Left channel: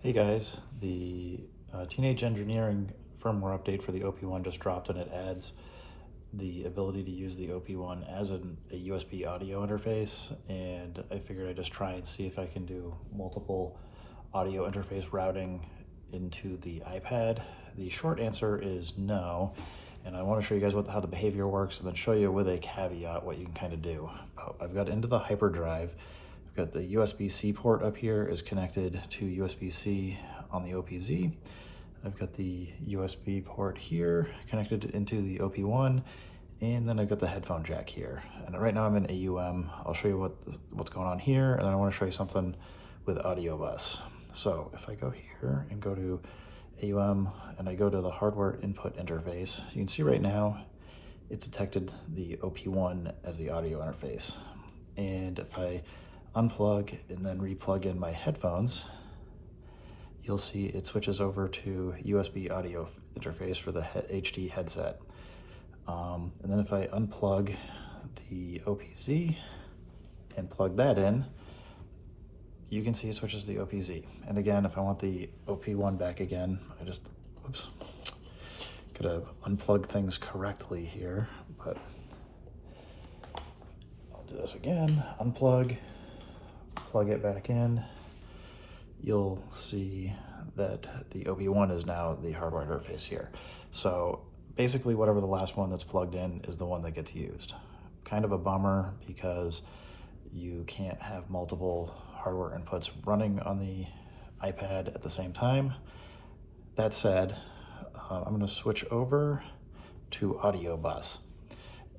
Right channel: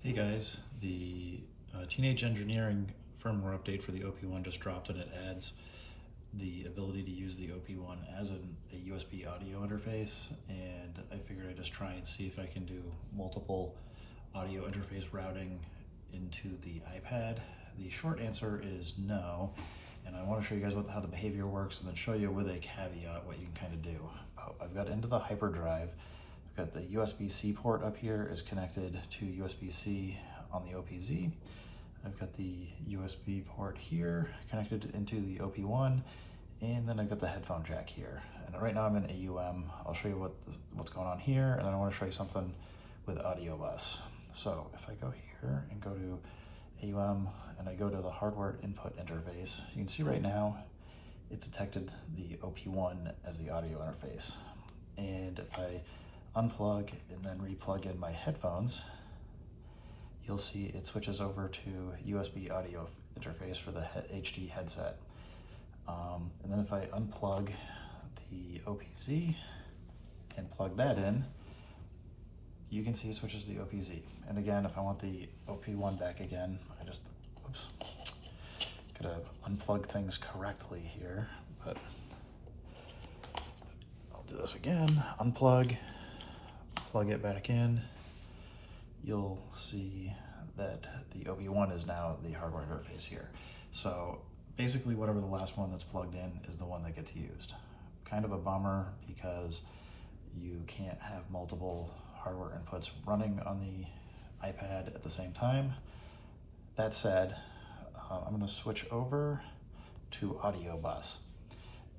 Hey guys, the Teenage Engineering firmware update for the OP1 just dropped, and it adds the ability to use the OP1 as a USB audio interface. And I figured I'd just try and see if I can do multiple audio interface routing into the iPad. The short answer is no, and I want to show you guys how the behavior works and then show you with a caveat what you can kind of do. I've got into the hyperdrive. Got the USB-C port up here is connected to USB-C on the OPZ. I've got the USB port here connected into the OP1, and then I've got the headphone jack here. And right now I'm in AUM. I'll show you what's going on here, and then I want to show you something with Audiobus. So if I go here and go to AUM and I go to the hardware input interface, you can see right now it's detected the OP1 as the audio interface. And if I unplug and then replug in my headphones, you'll see it switches over to USB audio interface for the HD headset. And then if I unplug the OPZ and plug that in, you can see it switches to the OPZ. And again, if I want the OP1 back again, I just, oops, gotta unplug things correctly here, but I'll do this again, unplug, plug it back in, you'll see that the OP1 is now the hardware interface here. So basically whatever the last one that's plugged in is the one that gets used. Kind of a bummer because you can't have multiple hardware inputs running on the iPad at the same time. That said, I'm going to switch over to Audiobus,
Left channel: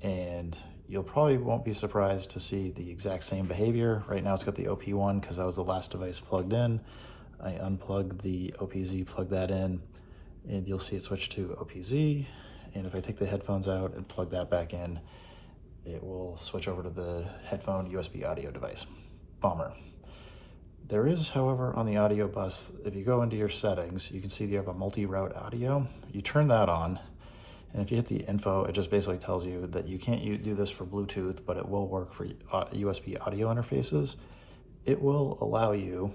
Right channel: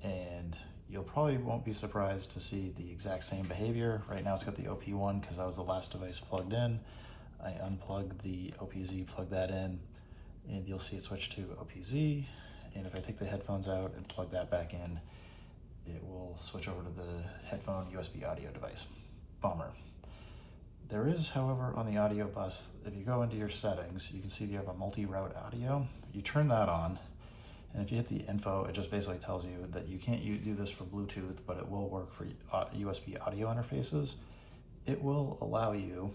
and you'll probably won't be surprised to see the exact same behavior. Right now it's got the OP1 because that was the last device plugged in. I unplug the OPZ, plug that in, and you'll see it switch to OPZ. And if I take the headphones out and plug that back in, it will switch over to the headphone USB audio device. Bummer. There is, however, on the Audiobus, if you go into your settings, you can see you have a multi-route audio. You turn that on, and if you hit the info, it just basically tells you that you can't do this for Bluetooth, but it will work for USB audio interfaces. It will allow you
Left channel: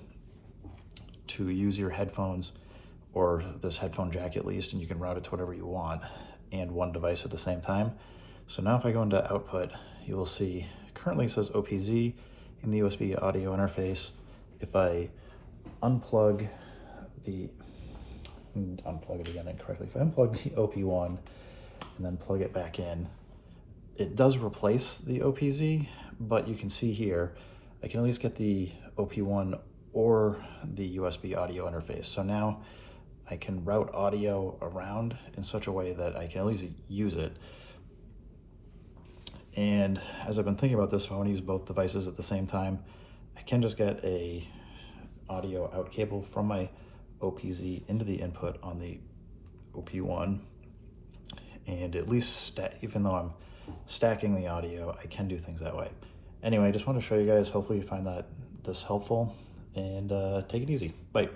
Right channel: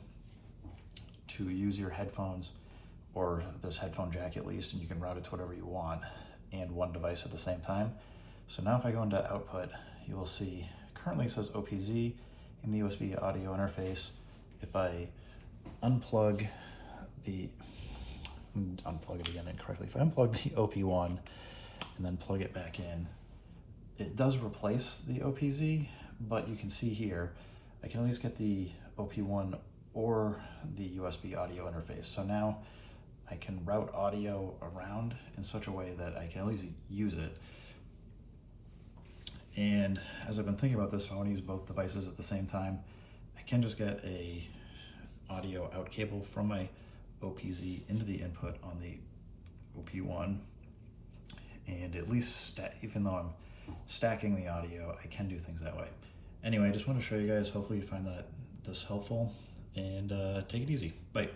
to use your headphones, or this headphone jack at least, and you can route it to whatever you want, and one device at the same time. So now if I go into output, you will see currently it says OPZ in the USB audio interface. If I unplug it again incorrectly, if I unplug the OP1 and then plug it back in, it does replace the OPZ, but you can see here, I can at least get the OP1 or the USB audio interface. So now I can route audio around in such a way that I can at least use it. And as I've been thinking about this, if I want to use both devices at the same time, I can just get a audio out cable from my OPZ into the input on the OP1, and at least even though I'm stacking the audio, I can do things that way. Anyway, I just want to show you guys, hopefully you find this helpful, and take it easy. Bye.